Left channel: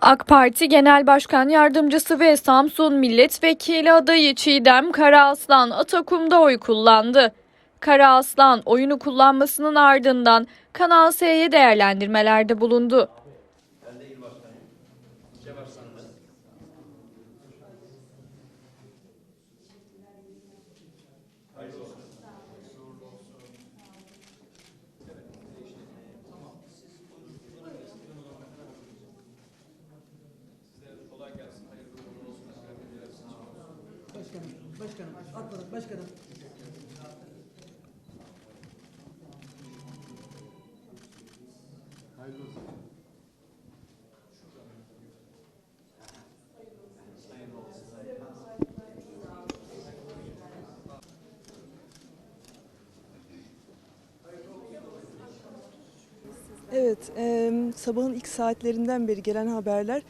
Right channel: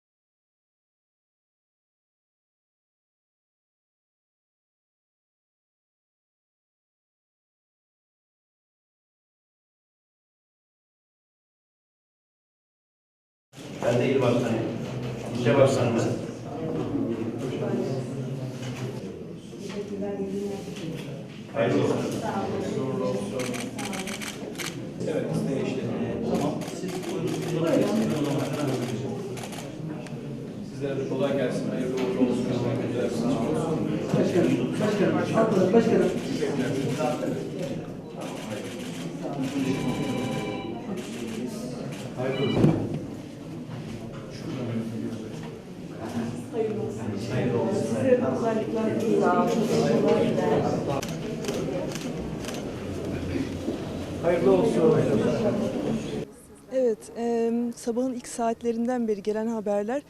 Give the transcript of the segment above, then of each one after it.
AK Parti Genel Başkan Yardımcısı ve Samsun Milletvekili adayı Çiğdem Karaaslan Atakum'da oy kullandı. Karaaslan oyunu kullanmasının ardından Kanal S'ye değerlendirmelerde bulundu. Ben de il başkanıyım. İlçe başkanımız. Hayırlı olsun. Evet, Sizlere de kolay gelsin. Hayırlı uğurlu olsun. Güzel bir sınav olsun. Hayırlı olsun. Evet, e, sabahın ilk saatlerinden beri gelen haberler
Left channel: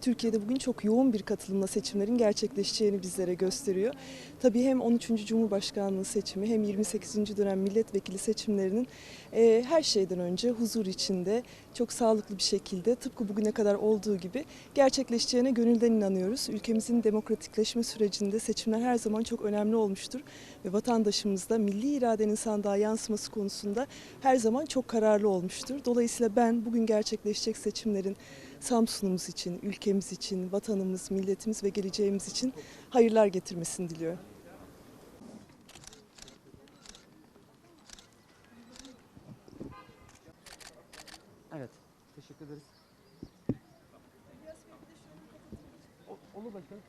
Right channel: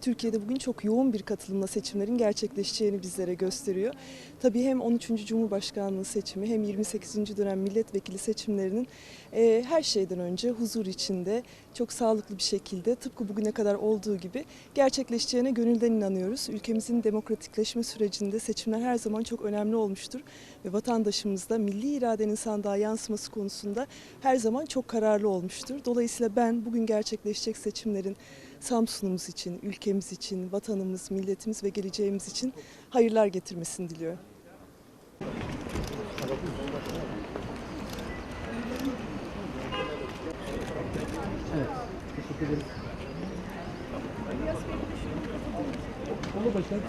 Türkiye'de bugün çok yoğun bir katılımla seçimlerin gerçekleşeceğini bizlere gösteriyor. Tabii hem 13. Cumhurbaşkanlığı seçimi hem 28. dönem milletvekili seçimlerinin e, her şeyden önce huzur içinde çok sağlıklı bir şekilde tıpkı bugüne kadar olduğu gibi gerçekleşeceğine gönülden inanıyoruz. Ülkemizin demokratikleşme sürecinde seçimler her zaman çok önemli olmuştur ve vatandaşımız da milli iradenin sandığa yansıması konusunda her zaman çok kararlı olmuştur. Dolayısıyla ben bugün gerçekleşecek seçimlerin Samsun'umuz için, ülkemiz için, vatanımız, milletimiz ve geleceğimiz için hayırlar getirmesini diliyorum. Olur başkanım.